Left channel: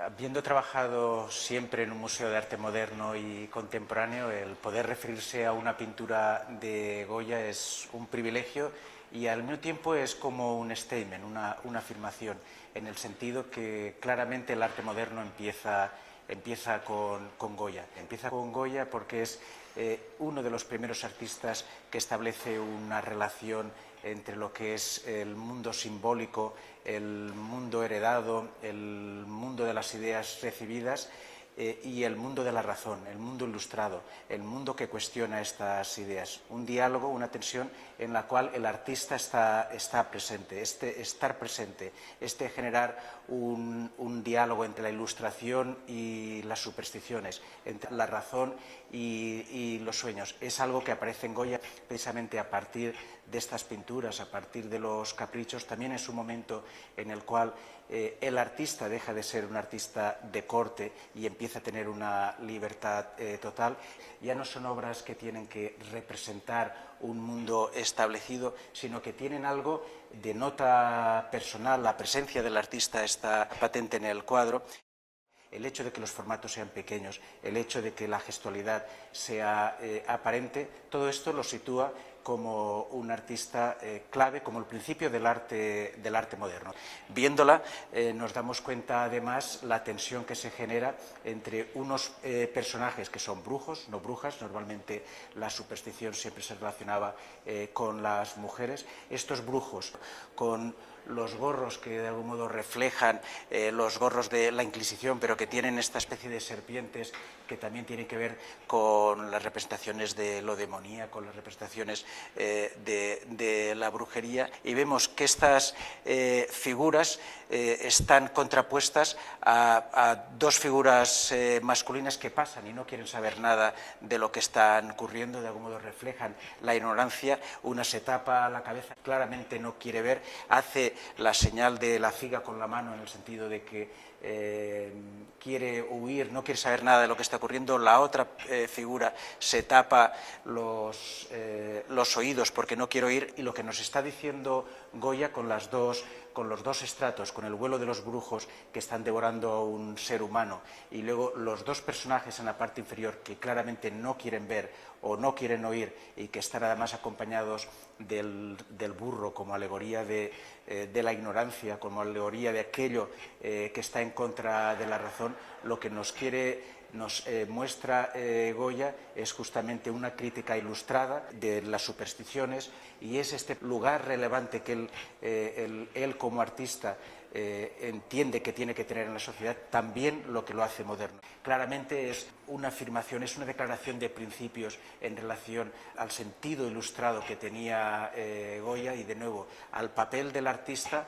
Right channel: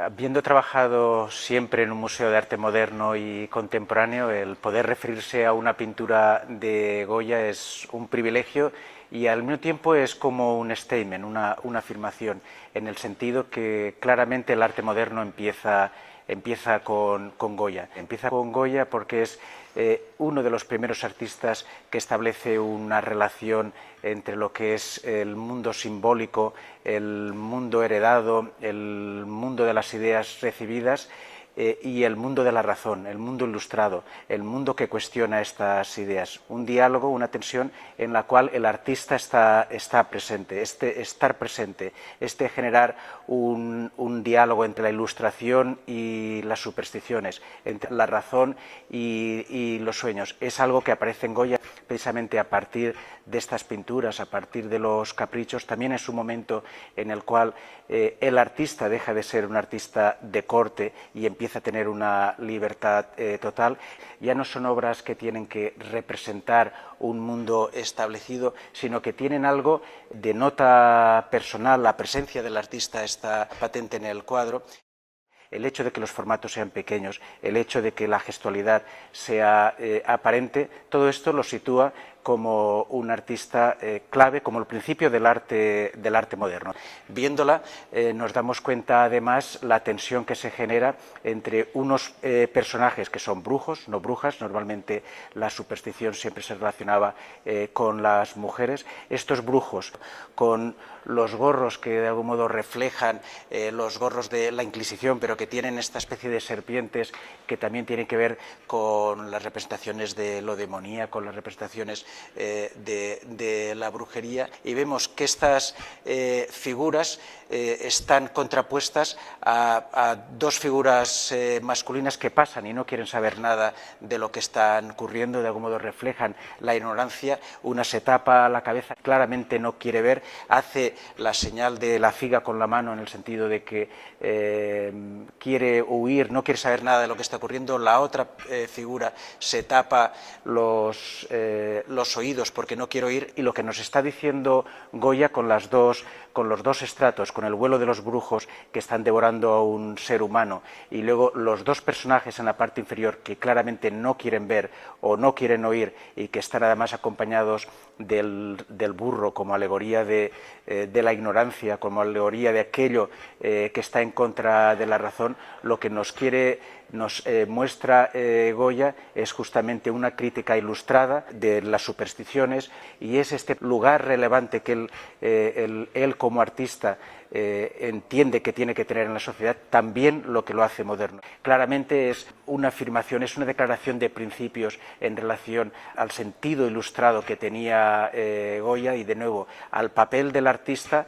Habiendo trabajado siempre en un museo de arte moderno y contemporáneo, el poder referirse a una pintura de Goya es un privilegio y al mismo tiempo es como un statement, una afirmación, en el sentido que claramente el arte moderno empieza con Goya. Empieza con Goya porque es uno de los primeros artistas que establece una relación entre lo que es el mundo simbólico, el mundo heredado, el mundo de las ideas recibidas y el mundo de la razón, el mundo ilustrado, el mundo que cuestiona estas ideas. Un diálogo, una tensión en la cual el artista está presente, estar presente, generar un diálogo entre la ilustración y las supersticiones, entre la razón y los sueños. Es algo que aparece en Goya precisamente a partir de estas pinturas, a partir de los caprichos. También es un momento en el cual el artista deja de ser un artista de corte y empieza a tener una libertad total. Ya no son obras que tienen que representar un mundo establecido, sino que tienen algo de nota personal. La presencia del artista está patente en el cuadro. El hecho de que los formatos sean pequeños, el hecho de que la gestualidad sea aparente, todo esto lo sitúa como un artista clave, como el principio del arte moderno. Viéndola nos damos cuenta además la tensión que se genera entre unos personajes que son brujos, no brujas. Normalmente la superstición siempre se relacionaba con las mujeres. Estos brujos con los gorros que de algún modo reflejan los gorros de la Inquisición, pero que tienen esta especie de serpientes que también tienen que ver con las representaciones de lo demoníaco, con las representaciones de la brujería, y vemos que estas figuras están contrapuestas a dos figuras masculinas que pasan y no quieren saber nada de lo que están ocurriendo. De algún modo reflejan la ignorancia. Una se tapa la cabeza, claramente no quiere ver, hace la señal de la figa con la mano en el sentido de que quiere huir, no quiere saber nada de lo que está ocurriendo. La otra figura se tapa los oídos porque no quiere oír, y lo que nos está diciendo Goya con los dos estratos, con el vuelo de los brujos que están devorando a un ser humano y luego los dos personajes en la parte inferior que claramente no quieren ver o no quieren oír y que están además acompañados del burro como alegoría de la ignorancia, como alegoría de aquello que está en contra de la razón, lo que nos muestra Goya es justamente una crítica ilustrada de las supersticiones, y es este lugar relevante que él como artista entiende que tiene que tener en la sociedad, también lo que lo hace moderno. Claramente es una afirmación, es una declaración de principios en relación al sentido ilustrado que tenía Goya y, de nuevo, al papel del artista,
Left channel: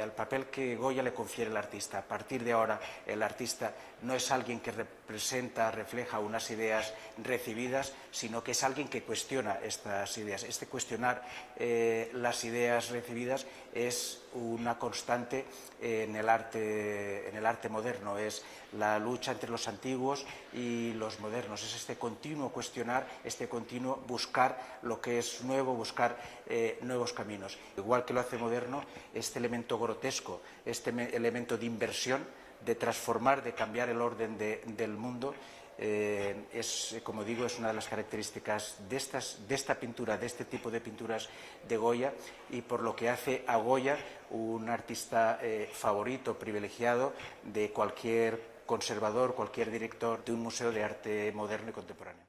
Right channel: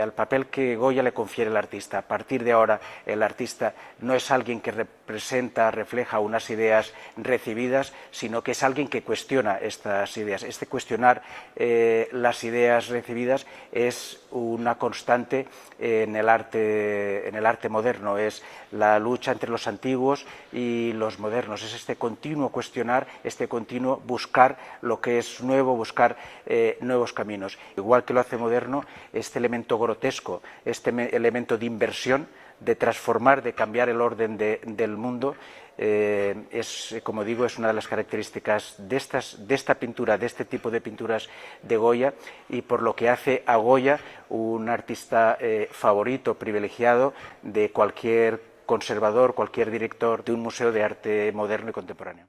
al papel que Goya le confiere al artista. A partir de ahora, el artista no es alguien que refleja unas ideas recibidas, sino que es alguien que cuestiona estas ideas. Este cuestionar las ideas recibidas es una constante en el arte moderno. Es la lucha entre los antiguos y los modernos. Es este continuo cuestionar, este continuo buscar lo que es nuevo, buscar nuevos caminos. Igual que lo hace moderno, este elemento grotesco, este elemento de inversión, de transformar, de cambiar el orden del mundo, es, como digo, es una de las características de esta pintura, de este tipo de pinturas de Goya, y por lo que hace a Goya un artista favorito, privilegiado de cualquier conservador, cualquier director de un museo de arte moderno y contemporáneo.